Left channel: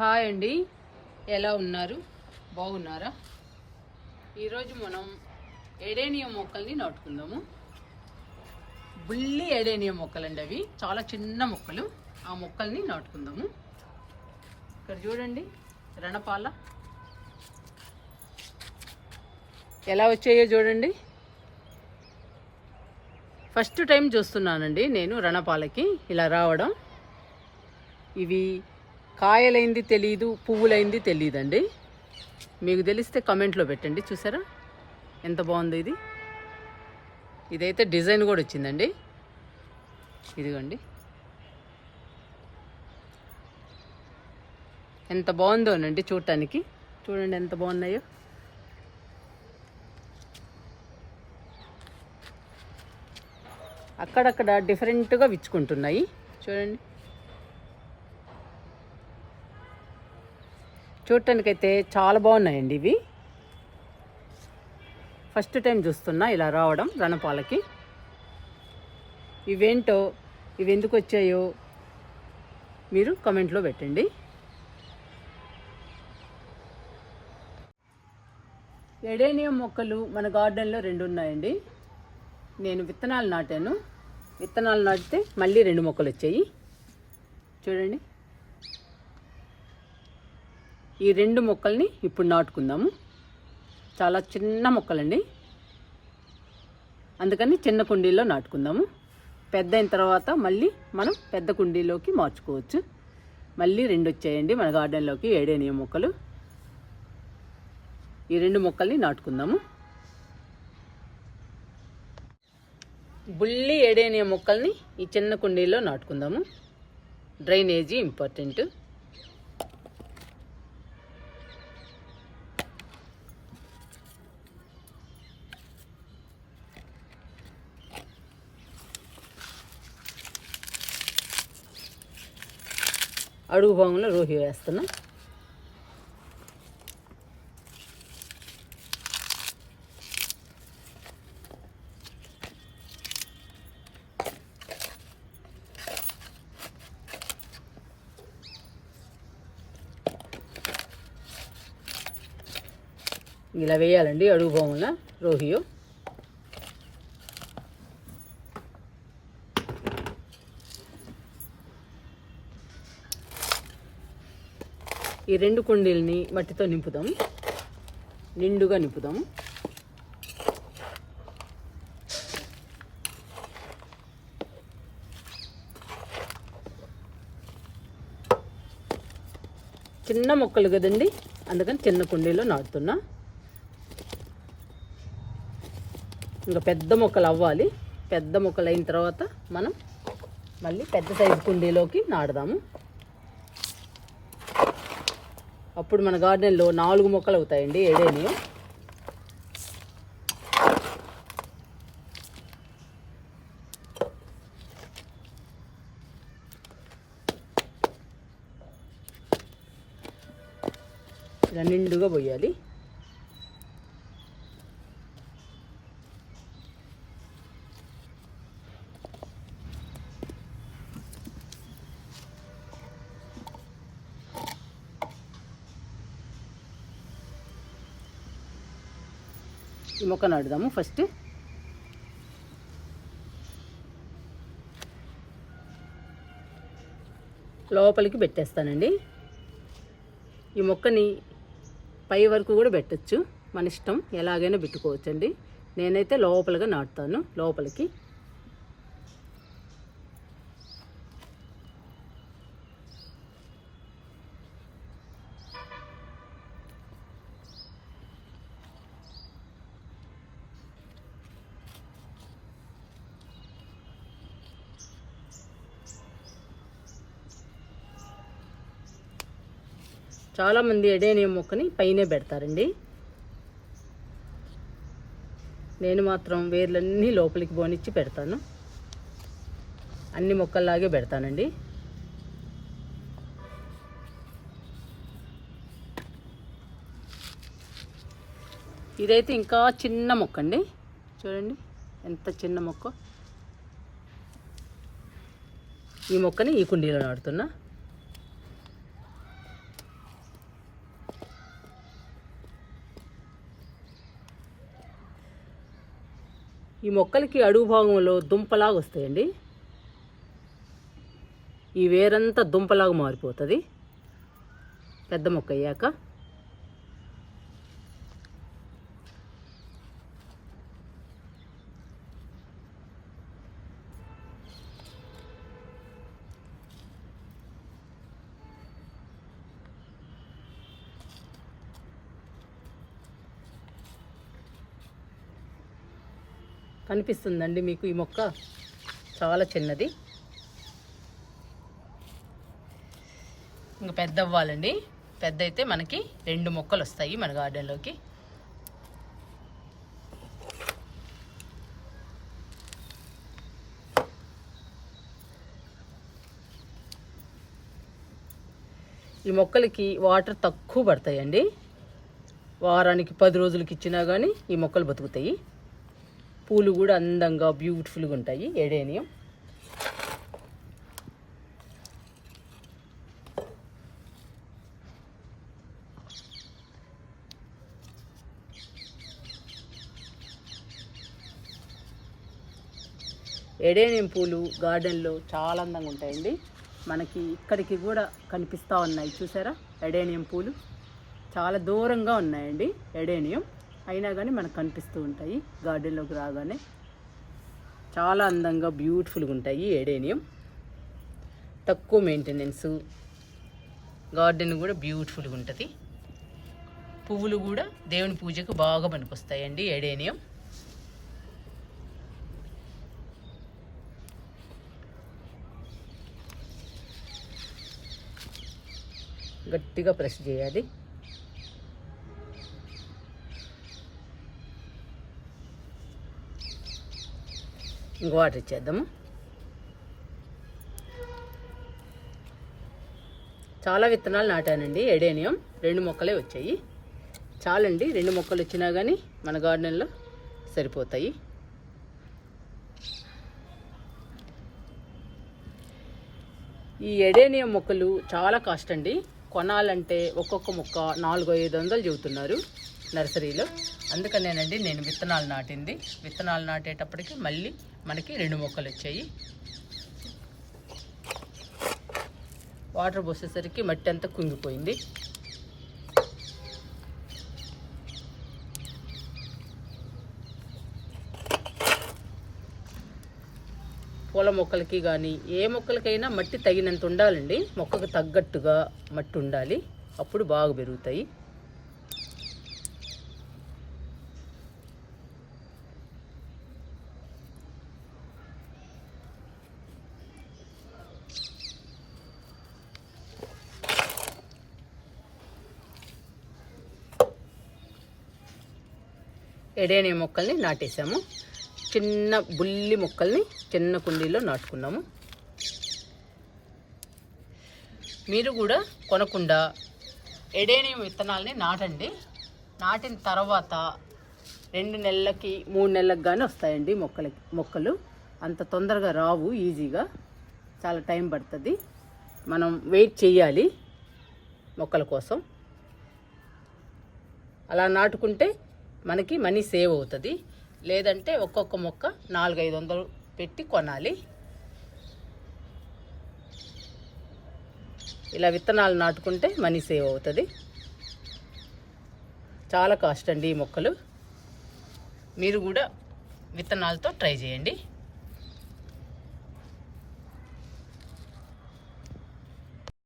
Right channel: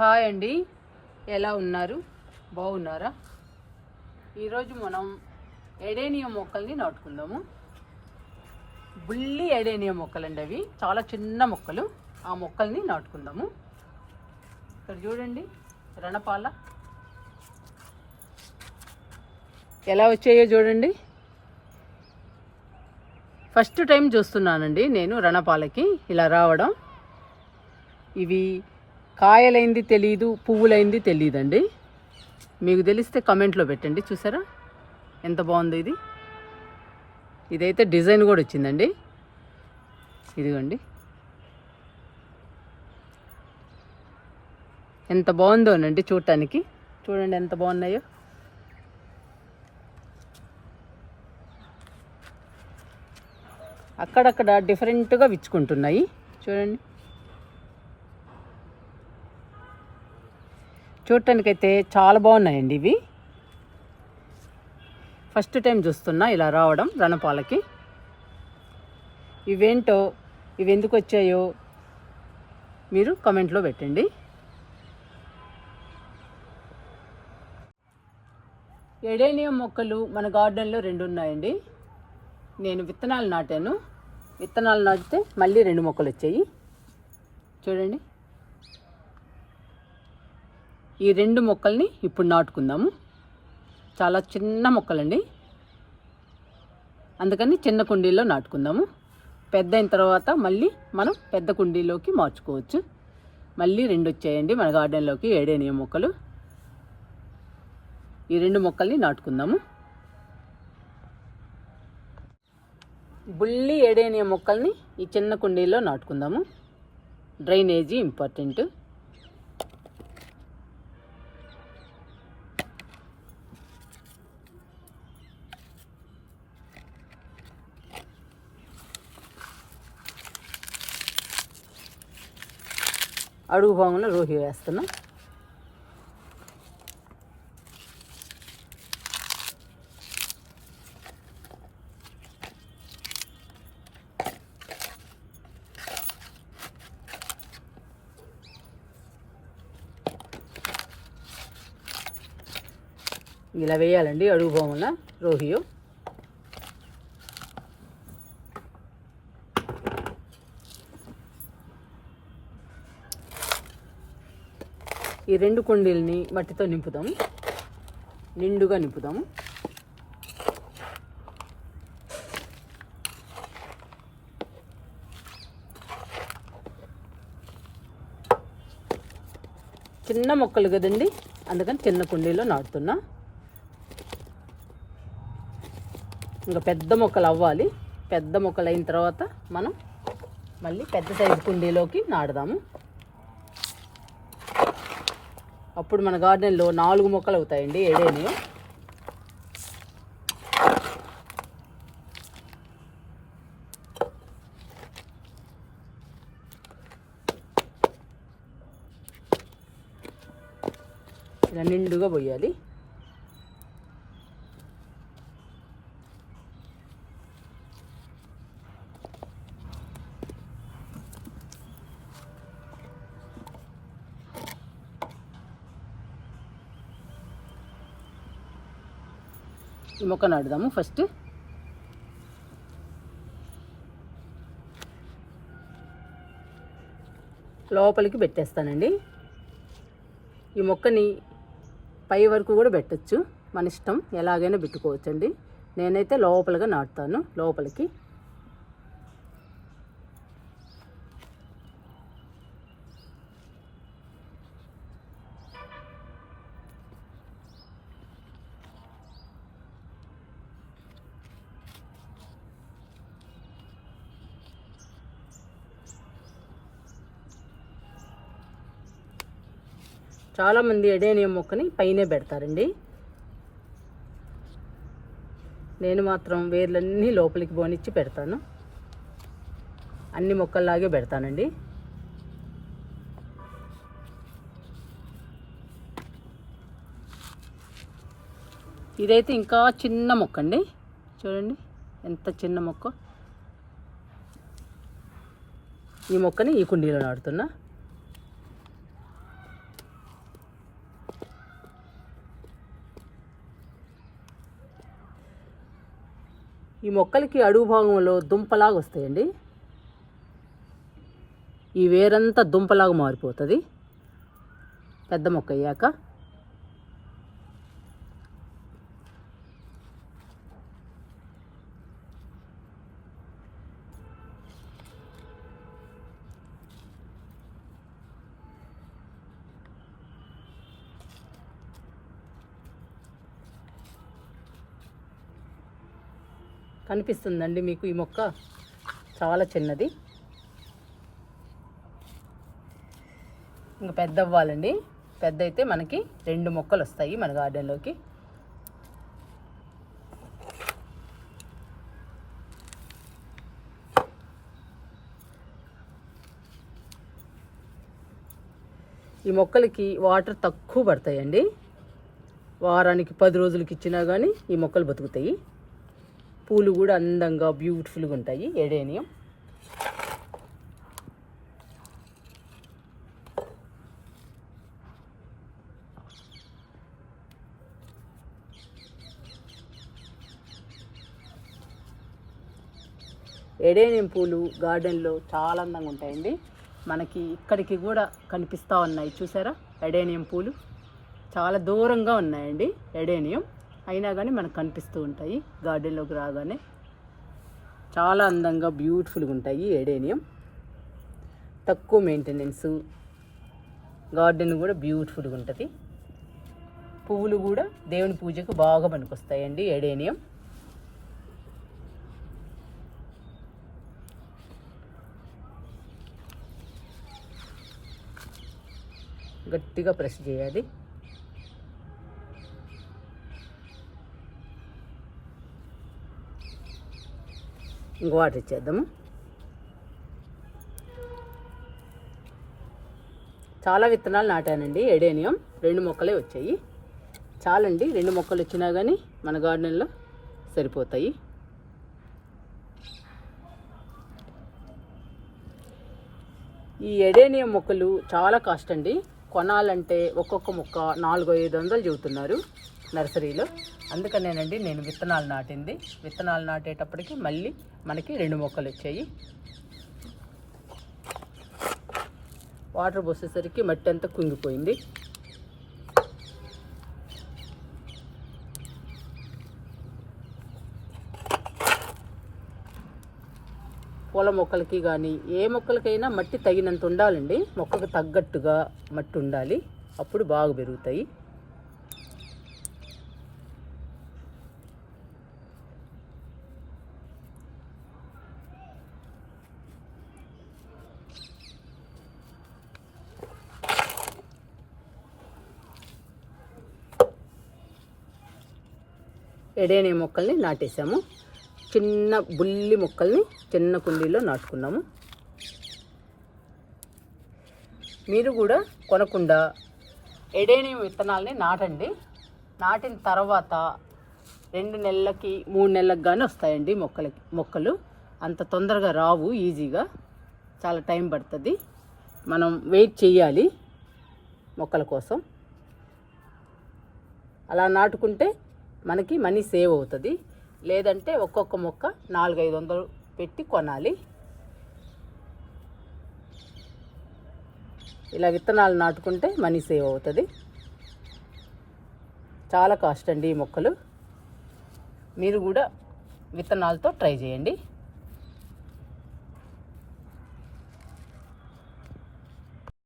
Hi అండి, ఎలా ఉన్నారు? బాగున్నారా? ఈరోజు మనం ఎడేనియం మొక్కల్ని నాటుకుందాము. బుల్లి ఎడేనియం మొక్కలండి, అవి చాలా చిన్న మొక్కలు. ఆ మొక్కల్ని నాటుకుందాము. ఇక్కడ చూడండి, రణపాల ఎలా వచ్చాయో చూడండి. ఫస్ట్ టైం చూస్తున్నానండి నేను రణపాలకి ఇలా రావడం. ఇవి కాయలైంది తెలీదు, పువ్వులైంది తెలియదండి. మీకు తెలిస్తే కమెంట్లో పెట్టండి. చూసారా ఎంత బాగుందో ఇది. ఇదైతే డిజైన్ కూడా వచ్చిందండి. ఇదిగోండి ఎంత బాగుందోనండి చూడటానికి. చూడండి ఎంత బాగున్నాయో. అక్కడక్కడ డిఫరెంట్గా విచ్చుకుంటున్నాయి చూడండి. చూడటానికైతే చాలా బాగున్నాయండి ఇవి. ఫస్ట్ టైం చూస్తున్నా ఇలా రావడం రణపాలకి. ఇవేంటో, ఇవి ఎందుకు వచ్చాయో మీరు కమెంట్లో పెట్టండి. ఎడేనియం మొక్కలు మన గార్డెన్లో 2 ఉన్నాయండి. నేను విత్తనాలు నాటాను. విత్తనాలు నాటితే మళ్ళీ 2 మొక్కలు వచ్చాయి చూడండి. ఈ 2 మొక్కల్ని ఇప్పుడు నాటుకుందాము. చాలా చిన్న మొక్కలండి, అందుకని చిన్న కుండీలో నాటుకుందాము. పెద్ద అయిన తర్వాత మళ్ళీ మనం పెద్ద కుండీలోకి మార్చుకోవచ్చు. మళ్ళీ 2 వచ్చాయండి మన గార్డెన్లోకి ఎడేనియం మొక్కలు. ఈ 2 మొక్కల్ని నాటుకుందాము. బుల్లి ఎడేనియం మొక్కల్ని ఈ చిన్న కుండీలో నాటుకుందాము. Drainage important. అడుగు భాగంలో రోహి వేస్తున్నా. ఇలా వేయాలండి అడుగు భాగంలో రోహియో. ఈ 2 కుండీలని మట్టితో నింపుదాము. నిండుగా నింపుదాము. చిన్న మొక్కలు కదండి, అందుకని చిన్న కుండీలో నాటుతున్నా. ఇంకా పెద్ద మొక్కలు అవ్వాలి. పెద్ద మొక్కలు అయిన తర్వాత మనం మళ్ళీ పెద్ద సైజు కుండీలోకి నాటుదాము. అప్పుడు మన గార్డెన్లో 4 మొక్కలు అవుతాయండి ఎడేనియం. ఇలా నిండుగా పోయాలి. ఈ మొక్క నాటుదాము. ఫస్ట్ లోపలికి పెట్టేస్తానండి. ఈ మొక్కని పై వరకు కూడా పెట్టచ్చు, మన ఇష్టం, ఎలాగైనా పెట్టుకోవచ్చండి. నేనైతే లోపలిగా నాటుతాను. లోపలికి చాలామంది ఎడేనియం మొక్కని పైనే పెడతారండి. నేను మాత్రం వేర్లన్నీ లోపలికి పోనిచ్చి పెడతాను. అన్ని మొక్కల్లాగే పెడతానండి. ఇదైతే ఇంకా చిన్న మొక్క అండి. చూడండి ఎంత చిన్న మొక్క. ఈ మొక్కని ఈ కుండీలో నాటుతున్నా. ఈ మొక్కలకి అడుగు భాగంలో దుంపలాగా వస్తాయండి. ఈ వేరంతా దుంపలాగా మారిపోతుంది పెద్ద మొక్క అయ్యాక. కనిపిస్తుందండి మీకు ఈ మొక్క చాలా చిన్నది. ఇంకా పెద్ద అవ్వాలండి. పెద్ద అయితే మనకి 2 మొక్కలు వస్తాయి మన గార్డెన్లోకి. ఈ మొక్కలకి వాటర్ తక్కువ పడతాయండి. వారానికి 10 రోజులకి ఇచ్చినా కానీ ఈ మొక్కలు బతుకుతాయి. పూలు కూడా అందంగా బ్యూటిఫుల్గా ఉంటాయి. ఎడేనియం ఎడేనియం పూలు గార్డెన్లో చాలా అందంగా ఉంటాయండి. మనకి ఇక్కడికి కూడా కనిపిస్తూ ఉన్నాయి, చూసారా? ఎడేనియం పూలు చాలా దూరంగా ఉన్నాయండి. ఎడేనియం అయినా కానీ మనకు కనిపిస్తూ ఉంటాయి గార్డెన్లోకి రాగానే. చాలా అందంగా బ్యూటిఫుల్గా ఉంటాయి ఎడేనియం. తక్కువ మెయింటెనెన్స్, గార్డెన్ కూడా బ్యూటిఫుల్గా ఉంటుంది. పువ్వులు కూడా దేవుని పూజకు బాగా పనికొస్తాయండి ఎడేనియం. గట్టిగా ప్రెస్ చేయాలి. ఇంక వాటర్ ఇచ్చేద్దాము. చాలా విత్తనాలు నాటానండి ఎడేనియం. 2 మొక్కలే వచ్చాయి. చాలండి, 2 మొక్కలు వచ్చినా కానీ మన గార్డెన్లో సరిపోతాయి. ఈ ఎడేనియం మొక్కలు చాలా కాస్ట్ అండి. కొనాలంటే ఒక్కొక్క మొక్క 400-500 చెబుతున్నారు నర్సరీలో. అందుకనేనండి నేను విత్తనాలు నాటింది. విత్తనాలు నాటేటప్పటికి మళ్ళీ మనకి 2 మొక్కలు వచ్చాయి. వాటర్ పోసేసరికి మట్టి అంతా కుంగిపోయింది. పూల మొక్కలకి కానీ ఏ మొక్కలకైనా మట్టి తగినంత ఉండాలండి. మొక్కకు తగ్గట్టుగా మట్టి ఉండాలి, అప్పుడు బాగా పెరుగుతాయి. ఎడేనియం మొక్కల్ని నాటేసాము. చిన్న బుల్లి మొక్కల్ని చిన్న కుండీలో నాటుకున్నాము. మీరు కూడా కొనకుండా ఎడేనియం విత్తనాలని నాటండి. నాటిన తర్వాత 2 నెలలకి 3 నెలలకు కానీ వస్తాయండి మొక్కలు. అంత తొందరగా రావు, ఈజీగా చాలా టైం పడుతుంది. మనం వెయిట్ చేయాలి మొక్కల కోసం. అలా నాటుకుంటే మనకి మనీ సేవ్ అవుతుంది. లేదంటే ఒక్కొక్క మొక్క 400-500 పెట్టి కొనాలి. ఇలా విత్తనాలు నాటుకుంటే మనీ సేవ్ అవుతుంది. చాలా కాస్ట్ అండి ఈ మొక్కలు. మీరు కూడా విత్తనాలతో ట్రై చేయండి.